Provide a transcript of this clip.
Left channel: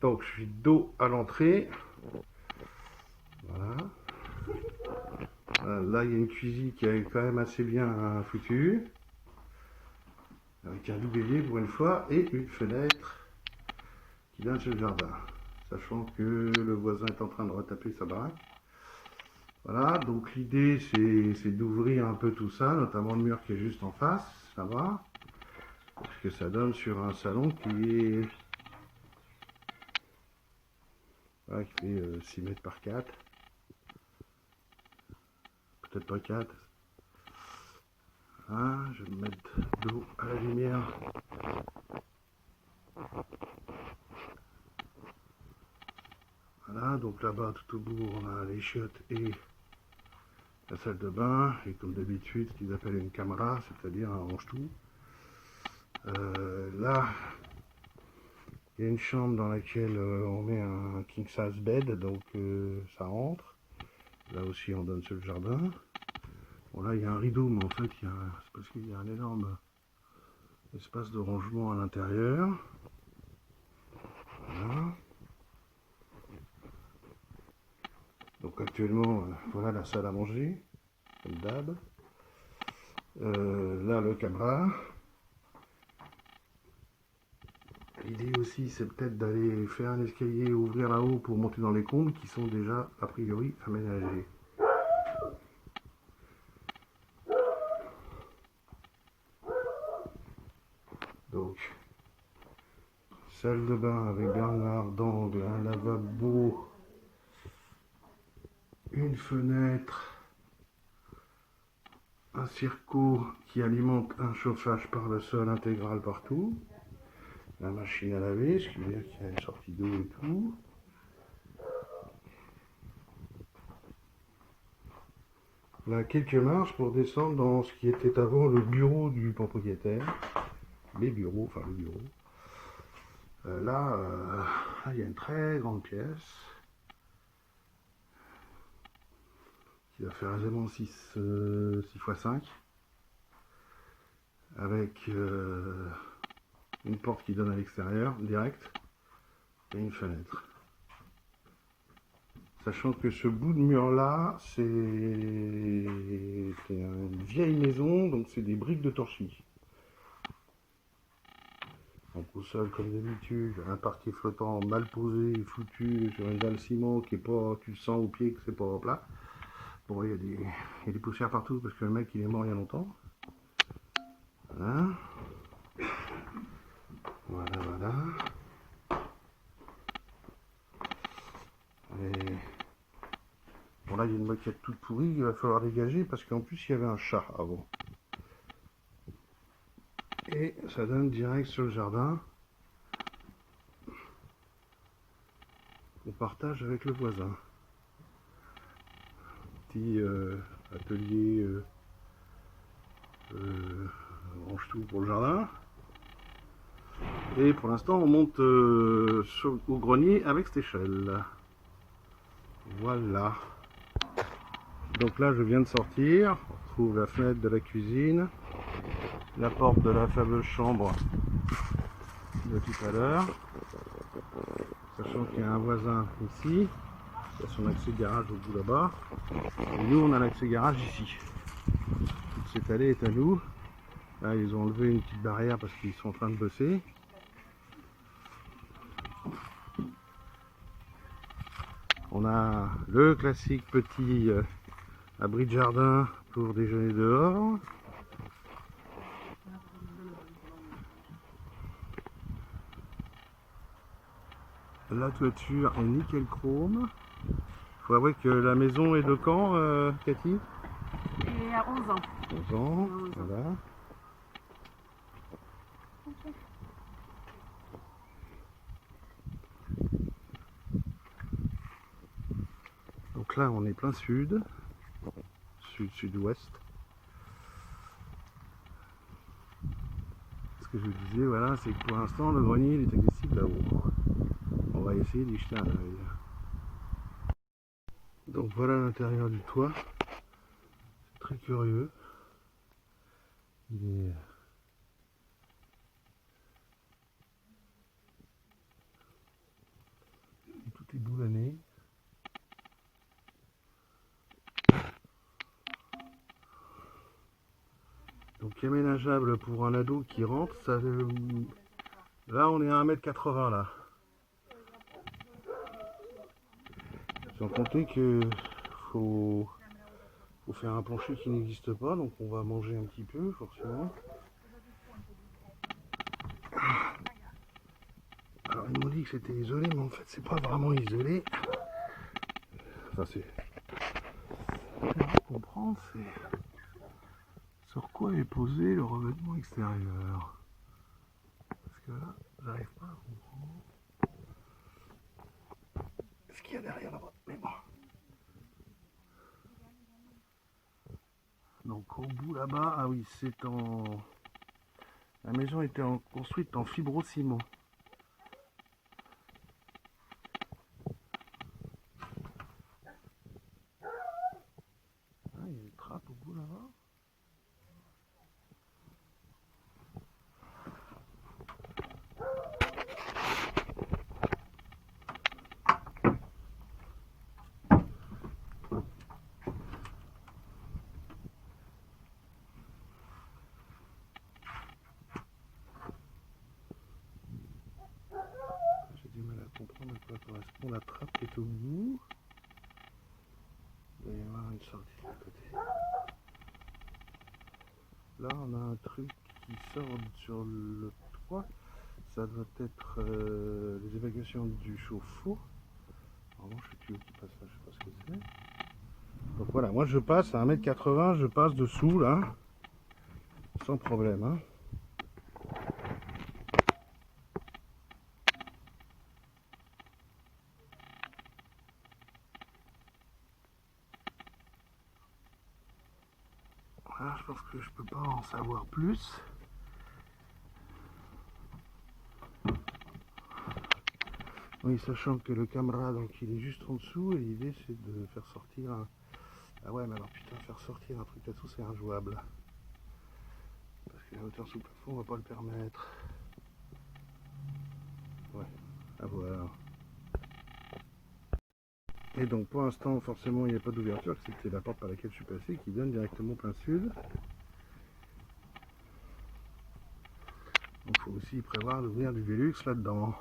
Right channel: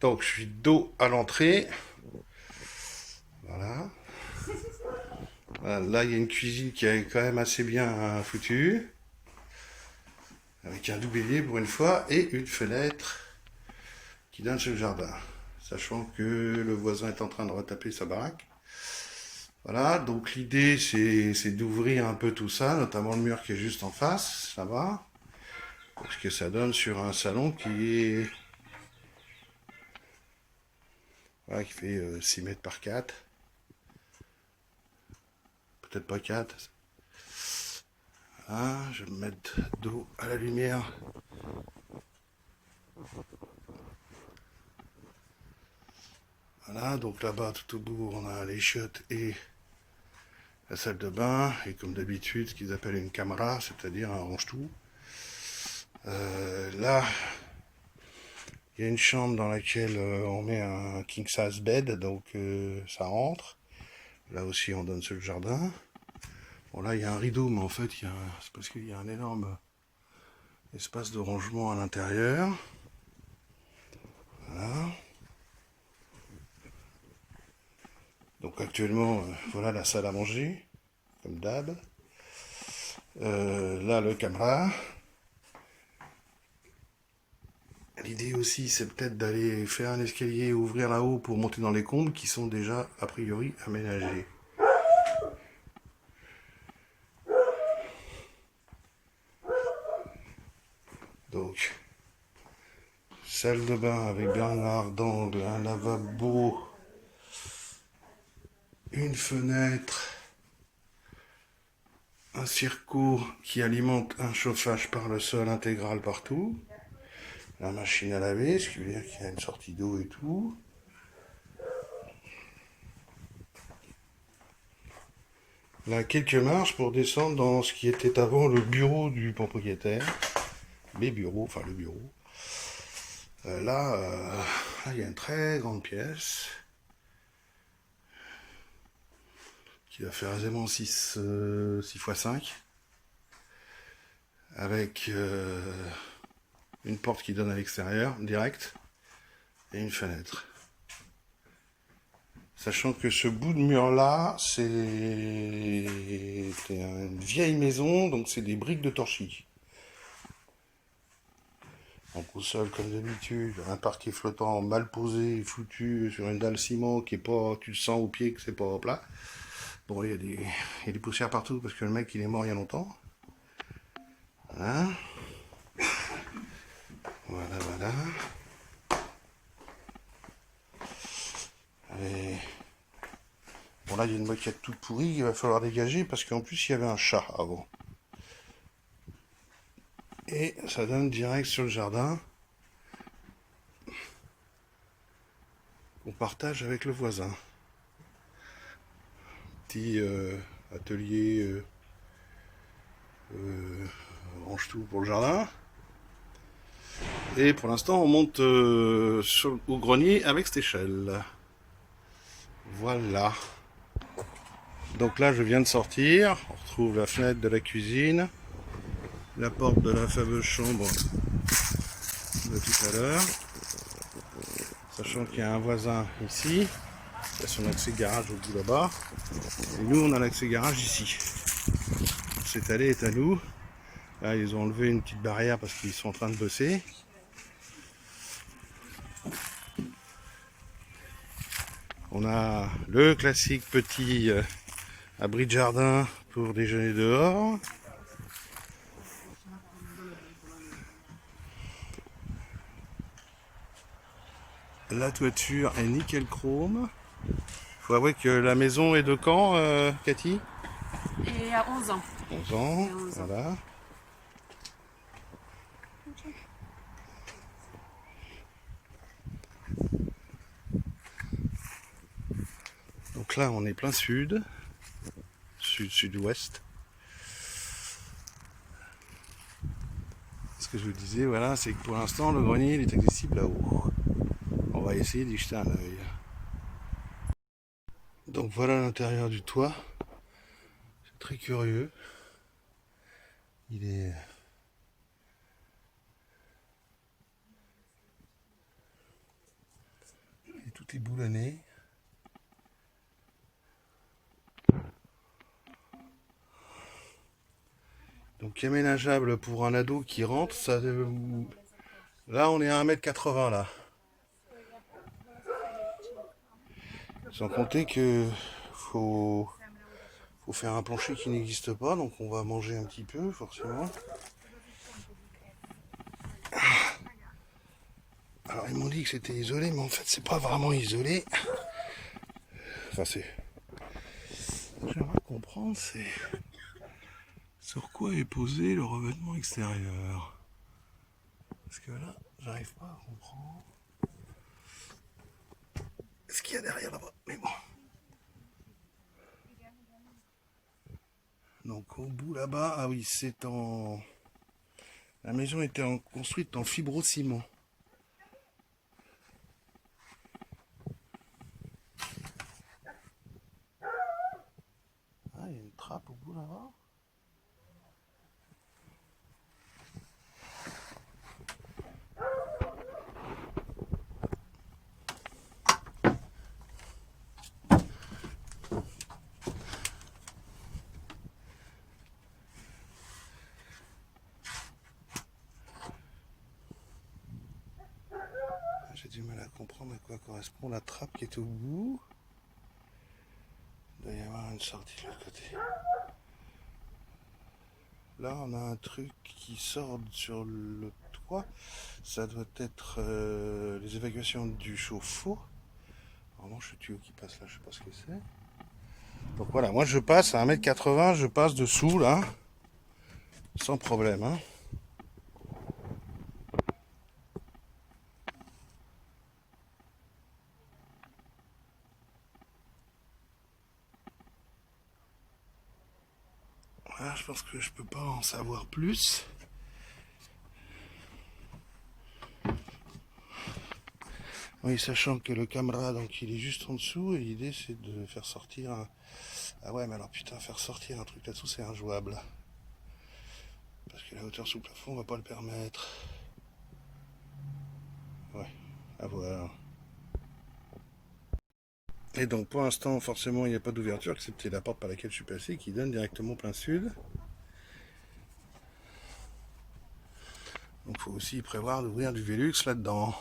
Donc je suis dos à l'entrée. Voilà. Là, il y a une cuisine qui est quand même assez bien foutue. Avec un doublier pour une fois et une fenêtre qui donne sur le jardin. Sachant que le voisin est en train de retaper sa baraque. Voilà, donc l'idée c'est d'ouvrir un peu tout ça, notamment le mur qui est juste en face, ça va. Parce que ça donne sur un salon voilà, qui fait 6 mètres par 4. Peut-être pas 4. Voilà, je vais me mettre dos à la lumière. Voilà, donc là-bas tout au bout on a les chiottes et la salle de bain. Et comme d'habitude, ce qu'ils appellent une camera, c'est-à-dire un range-tout. Là, il y a une chambre dans laquelle on met un king size bed, donc ça rentre. Là aussi, on donne sur le jardin. Bon, là, il y a un rideau, mais en fait, c'est parce qu'il y a un énorme espace de rangement à l'intérieur. Voilà. Donc actuellement, voilà la salle à manger, comme d'hab. Là, le caméra. L'idée aussi, c'est peut-être d'aller faire un escalier, ouvrir là-haut pour monter dans les combles qui sont déjà, a priori, aménagés. Donc, salle de bain avec Bernard d'angle, un lavabo, une fenêtre, un circuit qui alimente un chauffage par le sol intégral partout, la machine à laver, ce qui veut dire qu'il y a une sortie d'eau et tout. Là, quelques marches pour descendre dans ce qui était avant le bureau du propriétaire. Les bureaux, enfin le bureau. Là, il y a une très grande pièce qui va faire aisément 6 x 5 avec une porte qui donne à l'extérieur direct et une fenêtre. Sachant que ce bout de mur là, c'est une vieille maison, donc c'est des briques de torchis. Donc au sol, comme d'habitude, un parquet flottant mal posé, foutu sur une dalle ciment qui est pas, tu le sens au pied que c'est pas plat. Bon, il y a des poussières partout parce que le mec il est mort il y a longtemps. Voilà. Voilà, voilà. Et bon, là il y a une moquette toute pourrie, il va falloir dégager parce qu'en plus il y avait un chat avant. Et ça donne direct sur le jardin qu'on partage avec le voisin. Petit atelier range tout pour le jardin. Et pour l'instant, on monte au grenier avec cette échelle. Voilà. Donc là, je viens de sortir. On retrouve la fenêtre de la cuisine, la porte de la fameuse chambre de tout à l'heure. Sachant qu'il y a un voisin ici, qui a son accès garage au bout là-bas. Et nous, on a l'accès garage ici. Cette allée est à nous. Là, ils ont enlevé une petite barrière parce qu'ils sont en train de bosser. On a le classique petit abri de jardin pour déjeuner dehors. La toiture est nickel chrome. Faut avouer que la maison est de quand, Cathy? Et à 11 ans. 11 ans, voilà. Donc là, on est plein sud, sud-sud-ouest. Ce que je vous disais, voilà, c'est que pour l'instant, le grenier il est accessible là-haut. On va essayer d'y jeter un œil. Donc voilà l'intérieur du toit. C'est très curieux. Il est est boulonné. Donc aménageable pour un ado qui rentre, ça, là on est à 1m80 là. Sans compter que faut faire un plancher qui n'existe pas, donc on va manger un petit peu forcément. Alors ils m'ont dit que c'était isolé, mais en fait c'est pas vraiment isolé. Enfin c'est... J'aimerais comprendre c'est sur quoi est posé le revêtement extérieur. Parce que là, j'arrive pas à comprendre ce qu'il y a derrière là-bas. Mais bon. Donc au bout là-bas, ah oui, c'est en... La maison était construite en fibrociment. Ah, il y a une trappe au bout là-bas. J'ai du mal à comprendre à quoi correspond la trappe qui est au bout. Il doit y avoir une sortie de l'autre côté. Là, on a un truc qui sort sur le toit. Ça doit être les évacuations du chauffe-eau. Normalement, je suis tuyau qui passe là, je sais pas ce que c'est. Donc voilà, moi je passe à 1m80, je passe dessous là, sans problème. Hein. Voilà, je pense que je peux pas en savoir plus. Oui, sachant que le caméra, donc il est juste en dessous, et l'idée c'est de faire sortir un... Ah ouais, mais alors putain, faire sortir un truc là-dessous c'est injouable. Parce que la hauteur sous plafond on va pas le permettre. Ouais, à voir. Et donc pour l'instant, forcément, il n'y a pas d'ouverture, excepté la porte par laquelle je suis passé, qui donne directement plein sud. Donc il faut aussi prévoir d'ouvrir du Velux là-dedans.